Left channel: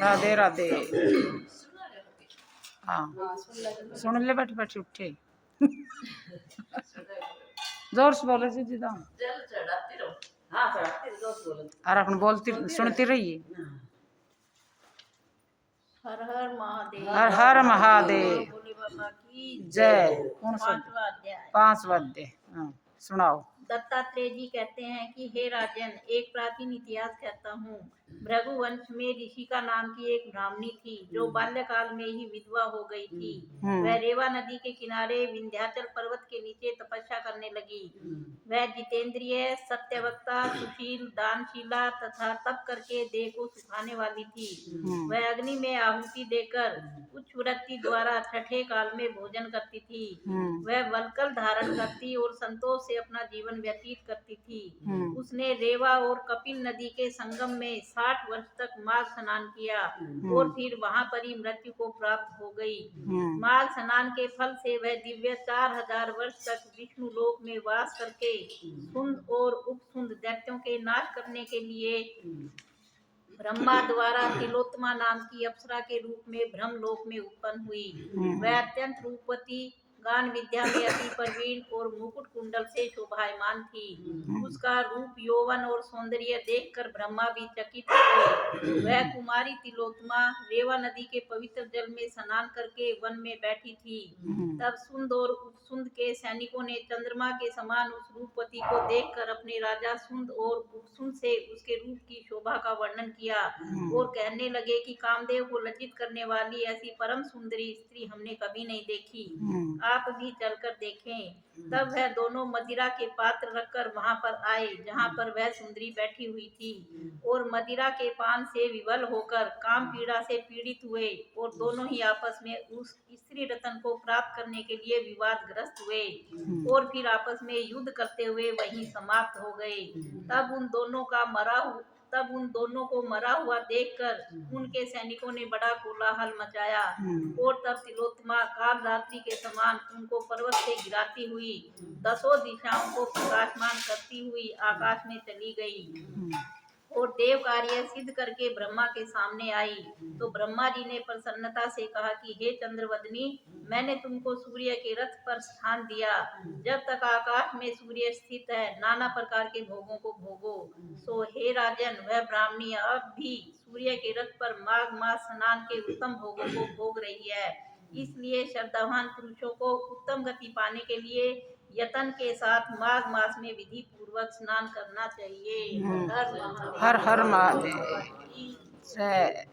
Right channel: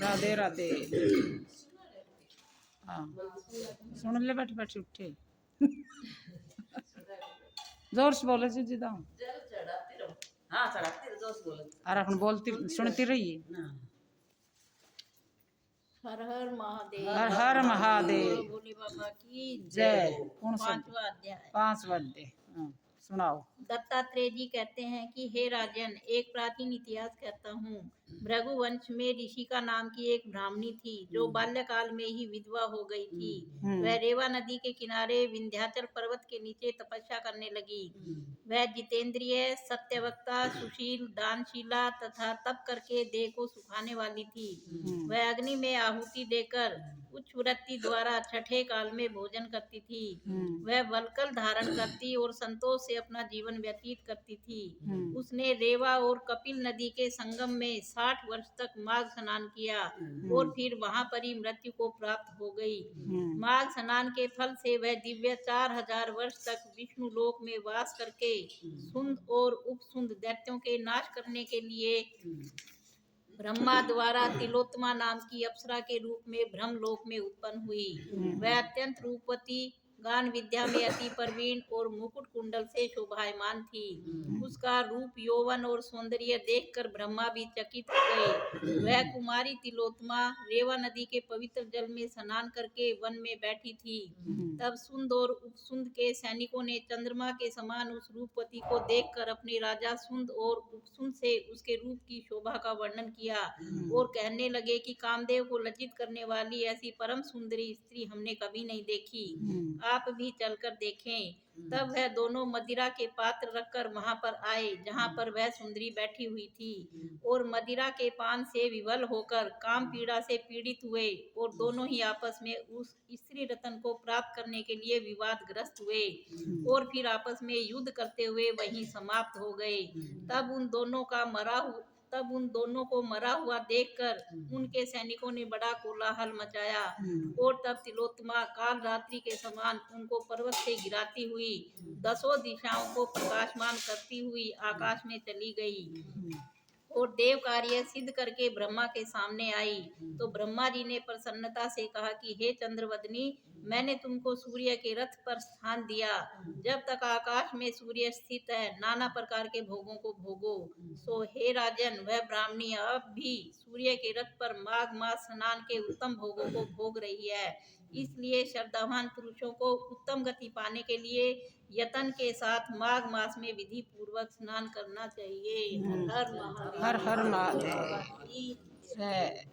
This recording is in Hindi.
राधे राधे। हाँ सुन ले, बैठ बैठ उठे। जोर से बोले जी जिदा और अपन बोलती सुनती रहिए। हर हर महादेव। हर हर महादेव। भोले बाबा की जय। कौन सा? पांचवा अध्याय। 5वां अध्याय। सुनाओ। दत्तात्रेय जी कहते हैं कि हे राजन, एक प्राचीन इतिहास कहता हूँ। भृगुवंश में ऋषि का नाम की एक ब्राह्मणी थी जो बाल्यकाल में ही विधवा हो गई थी। वह रेवा नदी के किनारे विंध्याचल पर्वत के नीचे तपस्या करने लगी। वह जितेंद्रिय, सत्यवक्ता, सुशील, दानशीला तथा तप करके देह को सुखाने वाली थी। वह अग्नि में आहुति देकर उच्च वृत्ति द्वारा छठे काल में भोजन करती थी। वह वल्कल धारण करती और संतोष से अपना जीवन व्यतीत करती थी। उसने रेवा और कपिल नदी के संगम में 60 वर्ष तक माघ स्नान किया और फिर वहां पर ही मृत्यु को प्राप्त हो गई। माघ स्नान के फल से वह दिव्य 4000 वर्ष तक विष्णु लोक में वास करके सुंद और उपसुंद दैत्यों के नाश करने के लिए ब्रह्मा द्वारा तिलोत्तमा नाम की अप्सरा के रूप में ब्रह्मलोक में उत्पन्न हुई। वह अत्यंत रूपवती, गान विद्या में अति प्रवीण और मुकुट कुंडल से शोभायमान थी। उसका रूप, यौवन और सौंदर्य देखकर ब्रह्मा भी चकित हो गए। वह कुमारी तिलोत्तमा रेवा नदी के पवित्र जल में स्नान करके वन में बैठी थी। तब सुंद और उपसुंद के सैनिकों ने चंद्रमा के समान उस रूपवती को देखकर अपने राजा सुंद और उपसुंद से उसके रूप की शोभा का वर्णन किया और कहने लगे कि कामदेव को लज्जित करने वाली ऐसी परम सुंदरी स्त्री हमने कभी नहीं देखी। आप भी चलकर देखें। तब वह दोनों मदिरा के पात्र रखकर वहां पर आए जहां पर वह सुंदरी बैठी हुई थी और मदिरा के पान से विवल होकर काम पीड़ा से पीड़ित हुए और दोनों ही आपस में उस स्त्री रत्न को प्राप्त करने के लिए विवादग्रस्त हुए और फिर आपस में युद्ध करते हुए वहीं समाप्त हो गए। तब उन दोनों को मरा हुआ देखकर उनके सैनिकों ने बड़ा कोलाहल मचाया और तब तिलोत्तमा काल रात्रि के समान उनको पर्वत से गिराती हुई 10 दिशाओं को प्रकाशमान करती हुई आकाश में चली गई और देव कार्य सिद्ध करके ब्रह्मा के सामने आई। तो ब्रह्मा जी ने प्रसन्नता से कहा कि हे चंद्रवदनी, मैंने तुमको सूर्य के रथ पर स्थान दिया। जब तक आकाश में सूर्य स्थित है, नाना प्रकार के भोगों को भोगो। सो हे राजन, वह ब्राह्मणी अब भी सूर्य के रथ पर माघ मास स्नान के उत्तम भोगों को भोग रही है। इसलिए श्रद्धावान पुरुषों को उत्तम गति पाने के लिए यतन के साथ माघ मास में विधि पूर्वक स्नान करना चाहिए। हर हर महादेव। जय।